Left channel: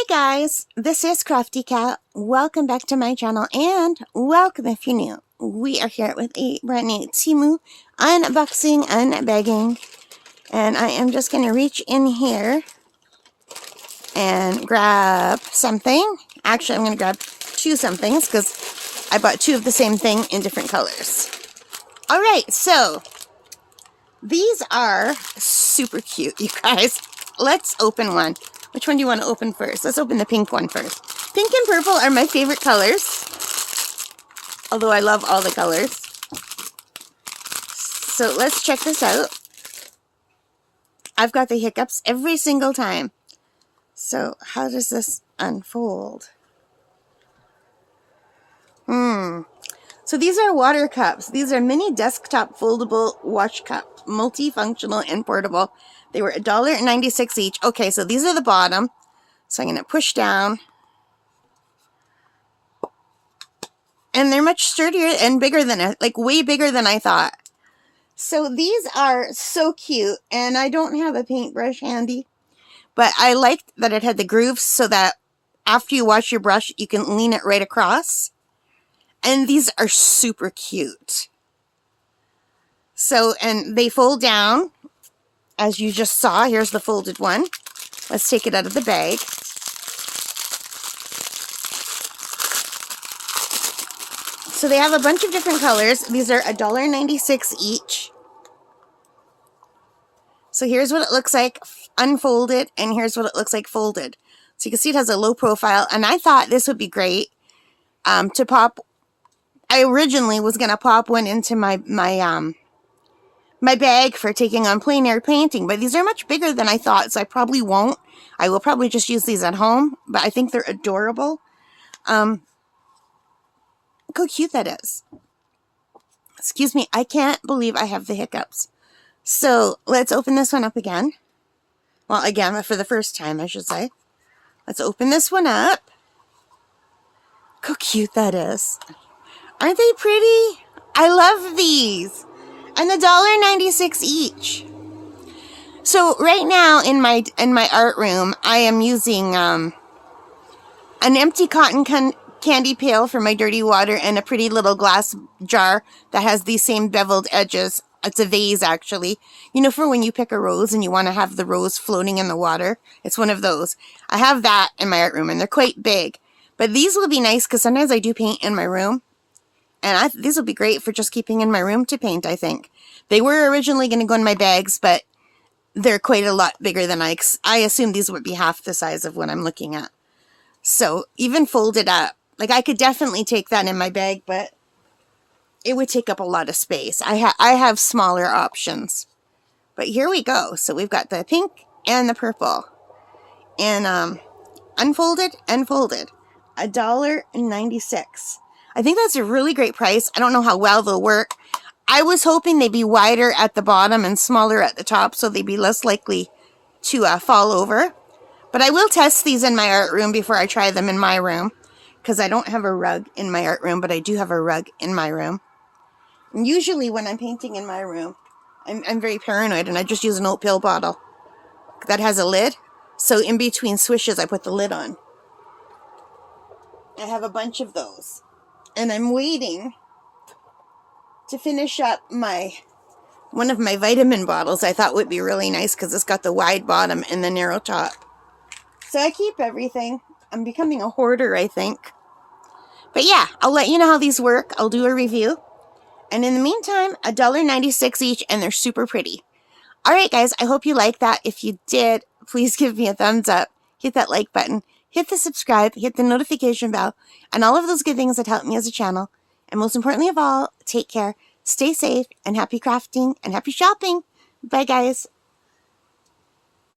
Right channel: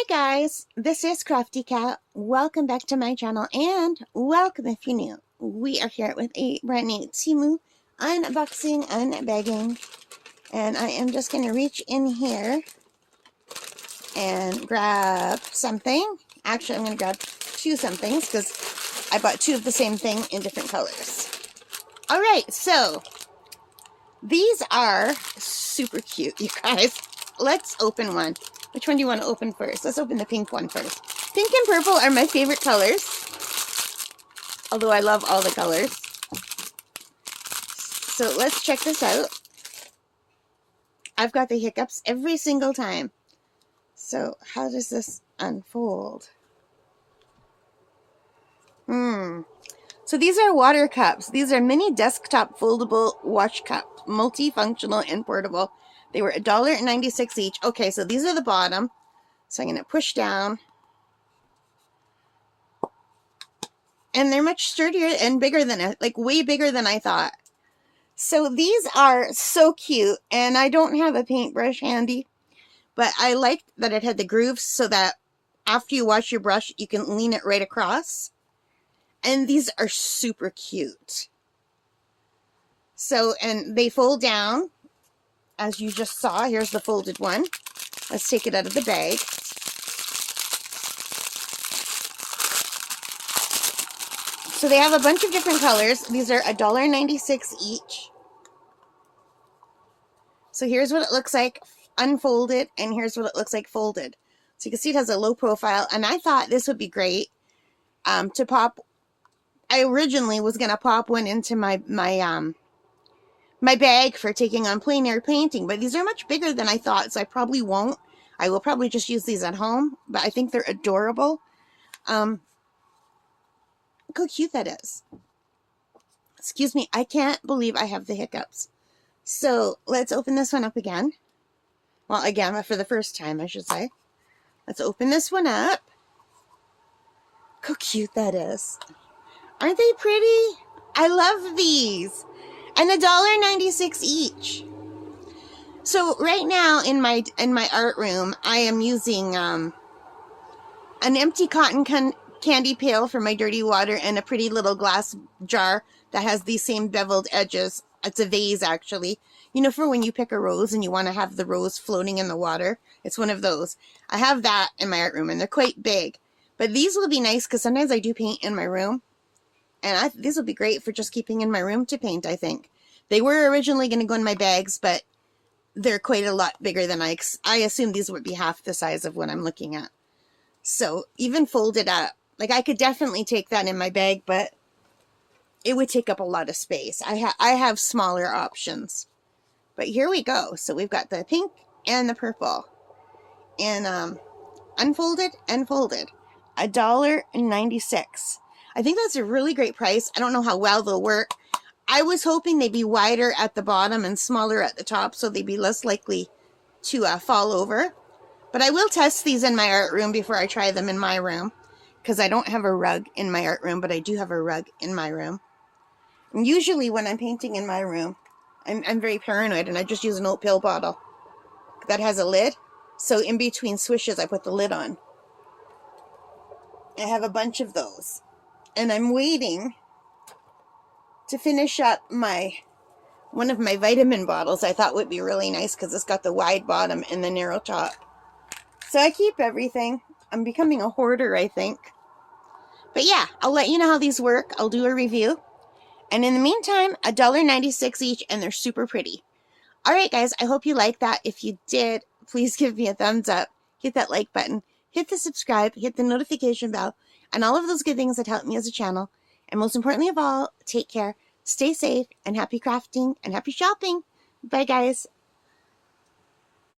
Hi guys, this is Crafty Cat. Welcome back to my channel and welcome if you're new. We are here with a brand new Temu unboxing, unbagging, and I am just going to reach in here and grab something. Actually, I'm going to grab two somethings because I bought two of the same thing in different colors. Alright, so these are super cute, you guys. Let's open one. Which one do you want to open first? Let's open the pink one first. Pink and purple are my favorite colors. Although I love all the colors. So let's check this out. I've got the hiccups every single time. So how does this unfold? So these are water cups. These are mini desktop foldable wash cup. Multifunctional and portable. They were $1.96 each. Okay, so these are the bottom. So I'm going to push down. And they're much sturdier and bigger than, like way bigger than I thought. So these are so cute. And I don't have a paintbrush handy. But I liked that it had the grooves so that after you wash your brush, you can lean it right across. And these are super cute. So, and they fold down. As you just saw, here's the folded one. Let's take it out of the bag. So they have a bunch of different colors. These are $1.96 each. So here's what it looks like unfolded, and here's what it looks like folded. So you can see it has a low profile, and I thought this would be great to pop. I originally was going to pop one into my bag for taking on plein air painting, but these are much bigger than I thought, so I probably won't. I will probably just use these at home, but I think they're adorable. Look how cute that is. Excuse me, I can't believe I have the hiccups. So let's open this one up again. Well, again, for the first time, I should say. Let's open this one up. Look how cute that is. Aren't they pretty? I love these. And $1.96 each. So right now in my art room, I am using an empty cotton candy pail for my dirty water and a pretty little glass jar that has these same beveled edges. It's a vase, actually. You know, for when you pick a rose and you want to have the rose floating in the water. It's one of those. I have that in my art room, and they're quite big. But these will be nice because sometimes I do paint in my room. And these will be great for just keeping in my room to paint, I think. They were originally going to go in my bags, but they're quite a lot bigger than I assumed these would be half the size of what I'm looking at. So even folded up, like I could definitely take that in my bag, but it would take up a lot of space. I have smaller options. But here we go. So we've got the pink and the purple. And unfolded and folded. $1.96. I think that's a really great price. I don't know how well they'll work. I was hoping they'd be wider at the bottom and smaller at the top, so they'd be less likely to fall over. But I will test these in my art room before I try them in my room, because I don't have a rug in my art room, but I do have a rug in my room. And usually when I'm painting in my room, I'm very paranoid, and I just use an oat pill bottle that has a lid. So in between swishes, I put the lid on. I have a bunch of those. And I'm waiting to finish up one of my vitamin bottles. I thought would be really nice because it's got the wide bottom and the narrow top. So I keep everything. I'm becoming a hoarder, I think. But yeah, I'll let you know how these work. I'll do a review. And in the meantime, $1.96 each, and they're super pretty. Alright guys, I hope you liked that. If you did, please give me a thumbs up. Hit that like button. Hit the subscribe, hit the notification bell, and all of those good things that help me as a channel. And most importantly of all, take care, stay safe, and happy crafting, and happy shopping. Bye, guys.